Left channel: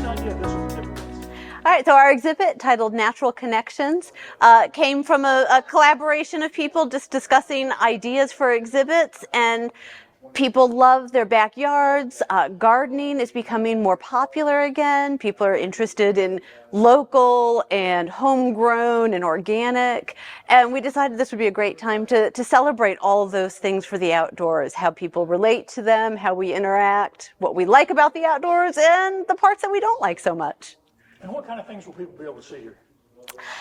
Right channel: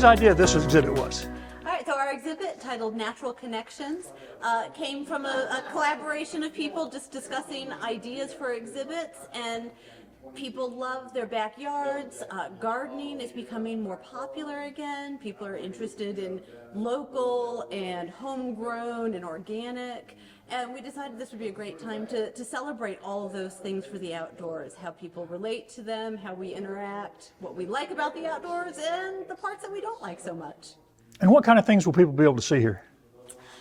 whose idea this exhibit was? All right, so our exhibit titled Natural Connections came from a collaboration of people just discussing ideas for exhibits, and people love their backyards. Gardening is becoming more popular again. People are interested in local and homegrown and organic, and we decided this would be a great time to celebrate all of those things for the outdoors, how people relate to them, how we interact, what we like about the outdoors, and the parts that we don't like so much. And what kind of things will people be able to see here?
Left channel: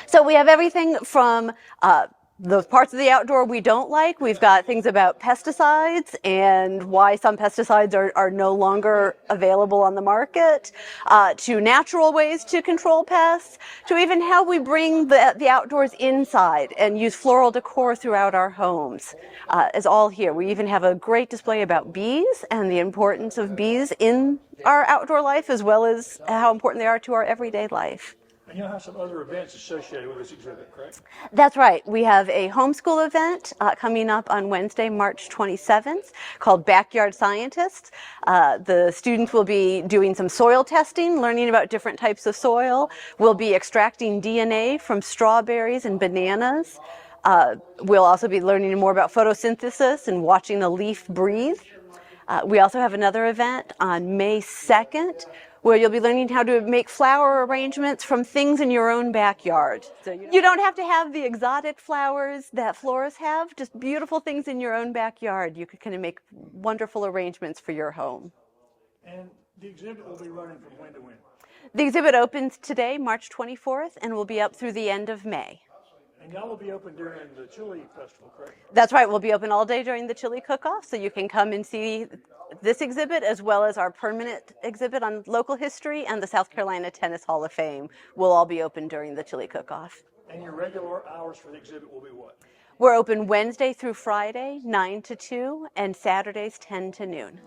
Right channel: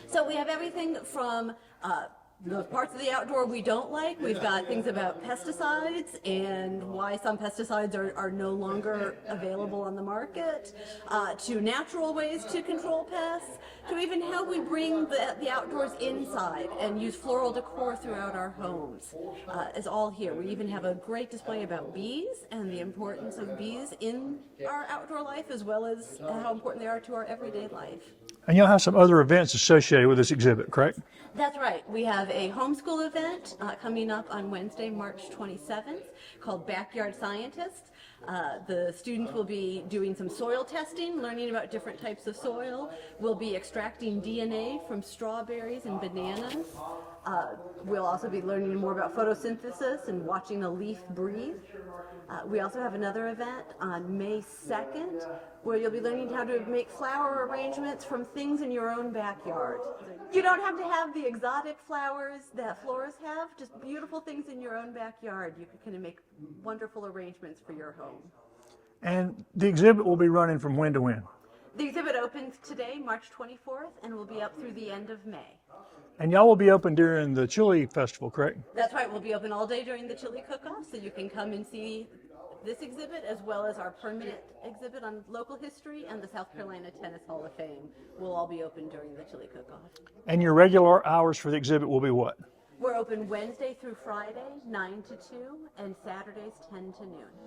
So we have everything from the parts of the outdoor we don't like. We've got things about pesticides and why some pesticides are no longer available on the market, to natural ways to control pests, to even how we bring the outdoors inside and use floral decor throughout our homes. Is all here. We even have a great display about bees and the importance of bees in our outdoor life, as well as how important they are to our everyday life. And you'll have some other events associated with this exhibit, correct? That's right. We have a homeschool event coming up on Wednesday, March 27th, called Backyard Scientists. The students will be doing some soil testing, learning about different types of soil. We'll be extracting DNA from strawberries and bananas. We'll also be learning more about photosynthesis and watching a leaf breathe. We also have another event on May 2nd, where you'll be learning how to make flower arrangements from things in your own backyard. So you don't have to have the exotic flowers that florists have, just beautiful things in your own backyard. You can kind of make wonderful arrangements for your home. And the exhibit will be running from when to when? The exhibit opens today, March 24th, and will be up through the end of May. And y'all will be open during the Chili Festival, correct? That's right. We'll be open all day during the Chili Cook-Off, so you can come and see this exhibit as well as our permanent exhibit on local history and the South Carolina Tennis Hall of Fame will all be open during the Chili Cook-Off. And your regular hours for the exhibit will be what? We're open Wednesday through Friday, 9 to 2, and Saturdays, 10 to noon.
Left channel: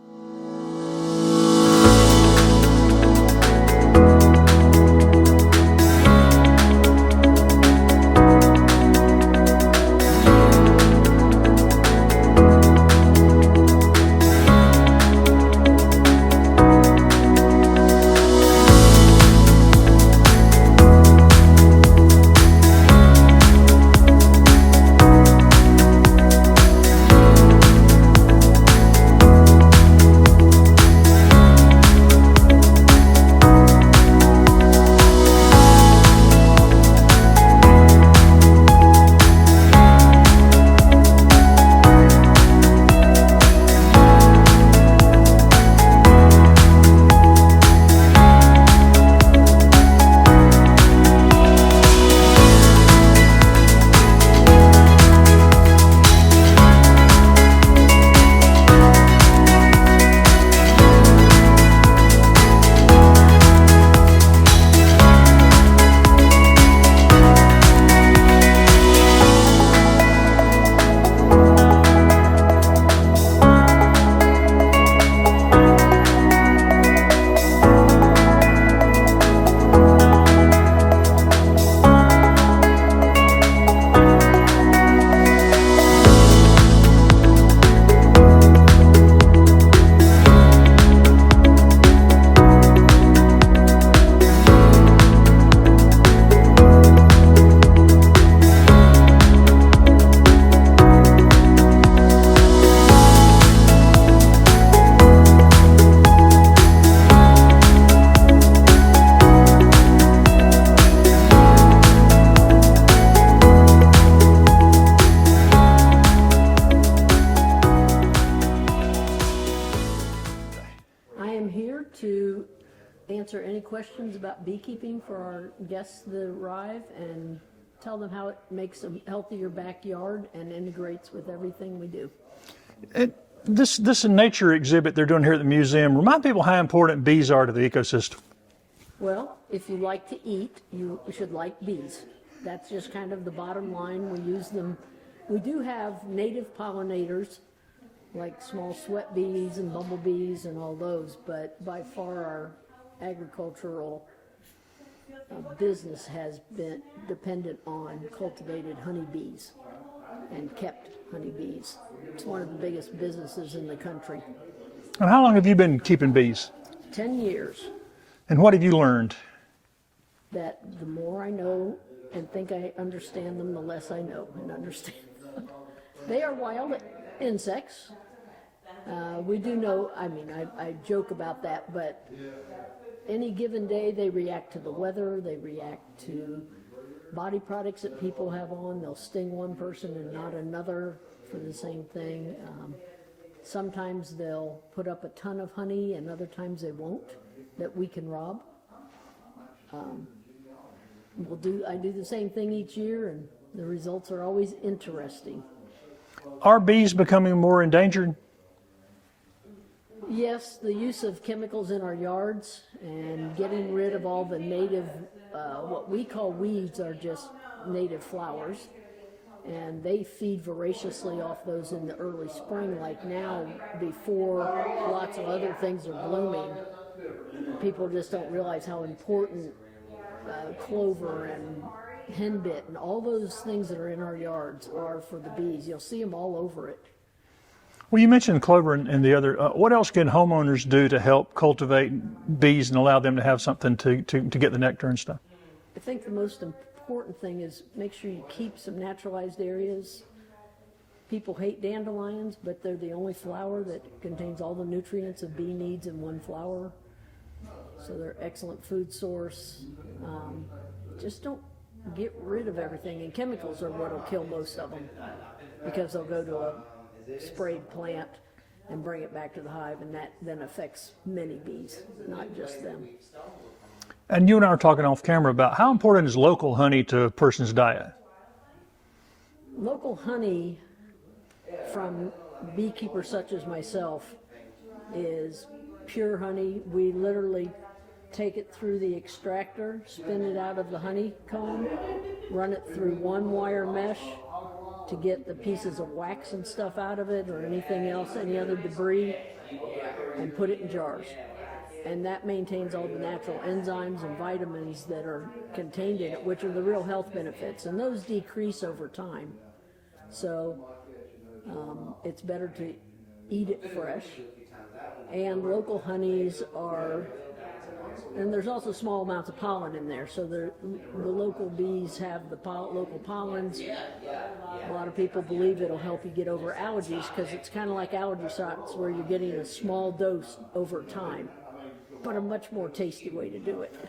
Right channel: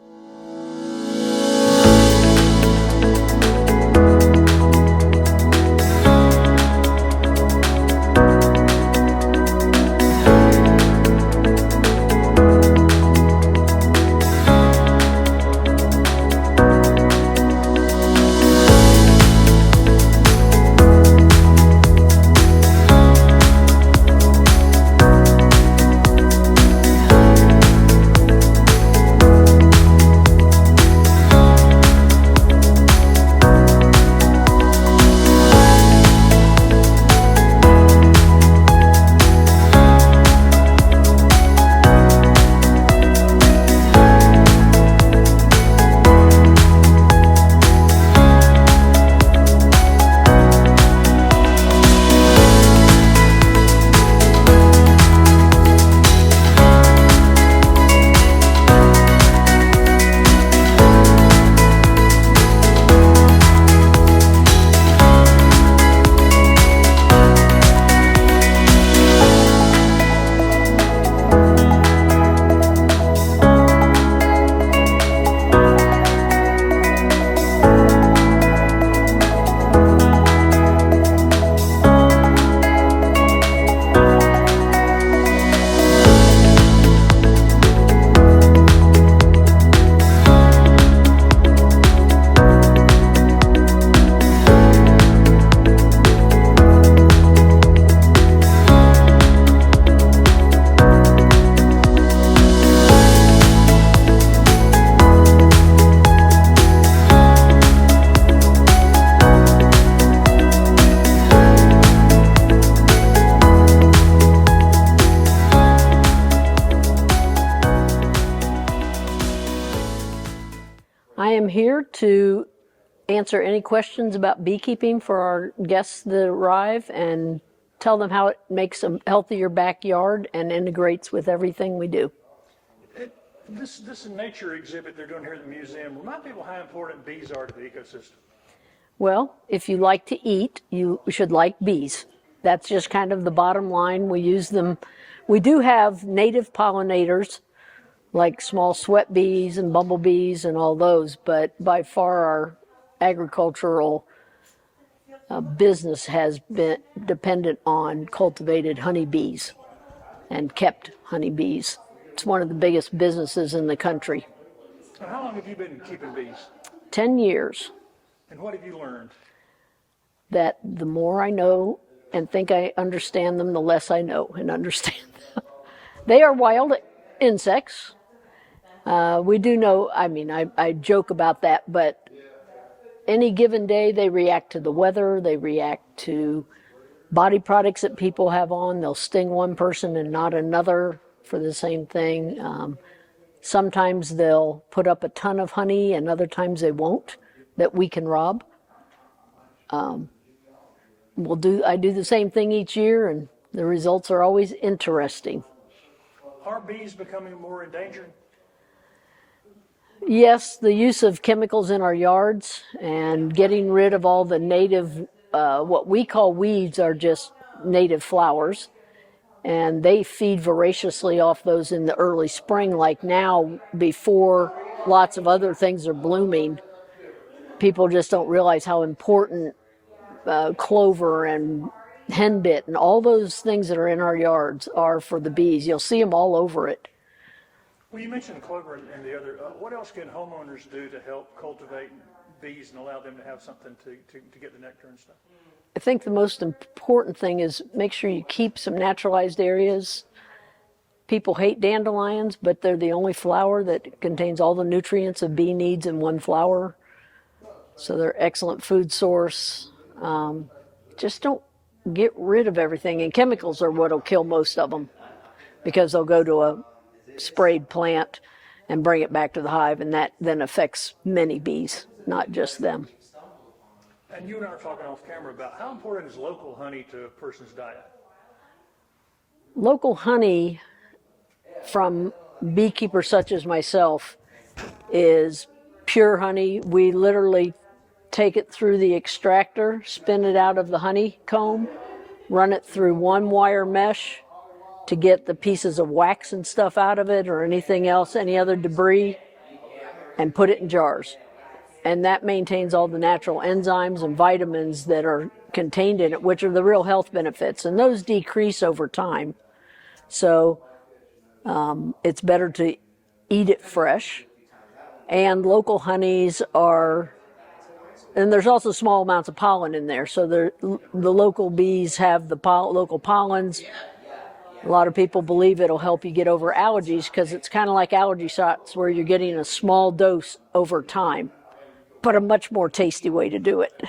I am here to answer any questions about beekeeping for our guests that arrive and tell them how it makes a healthier backyard and integrates with everything we do. This nature exhibit they're doing here at the museum, remind people how important bees are to the ecosystem. Well, if you like to eat, you should like bees. That's just kind of the bottom line. We use them. We do have native pollinators like small sweat bees and bumblebees and all those, but by far our agricultural business has been dependent on cultivated honeybees and kept honeybees. It's one of the biggest businesses in the country. And how long have you been keeping bees? 10 years. And what have you learned? That the more I know and think I understand them, the less I know and understand them. They are wild insects. We do know, I mean, I joke about that, but any given day they react to the weather, they react to body products that people have on. They'll sting one person and not another for the same thing. Sometimes they'll put up a ton of honey and other times they won't, that we can rob. I do the same thing each year and the results are always interesting. Are bees becoming more endangered? Yes, the use of chemicals in our yards and getting rid of all the native, what we call weeds are just native flowers. And they feed voraciously off those in the early spring, like now, before lots of other things are blooming. People just don't realize how important clover and henbit and all those things that are in our yards are for the bees. You'll see them all over it. Well, you mentioned clover and the other. What else can homeowners do to help cultivate bees and allow them to have something to get the nectar and stuff? I think the most important thing is make sure you keep some naturalized areas. People hate dandelions, but they're the only flower that contains all the nutrients a bee needs in one flower. So they're excellent food source. Just don't get rid of everything. And chemicals are what will kill most of them because they'll go to a sprayed plant and bring it back to the hive, and that then affects many bees, not just them. And you and I were talking off camera about how important is local honey to a person's diet? Local honey from beekeepers such as myself is pure honey. We literally take it through the extractor, spin it out of the honeycomb, run it through one wire mesh to get the pieces of wax and stuff out of it or anything else, any other debris, and put it in jars. And that maintains all the natural enzymes and vitamins that are contained in it, which are the real health benefits. And those decrease over time. So it's better to eat it fresh. And local honeys are, and there's also small amounts of pollen in there. So the local bees have the local pollens. A lot of people believe it'll help you get over allergies because it's kind of like allergy shots where you're getting a small dose over time, but a much more tasty way to do it.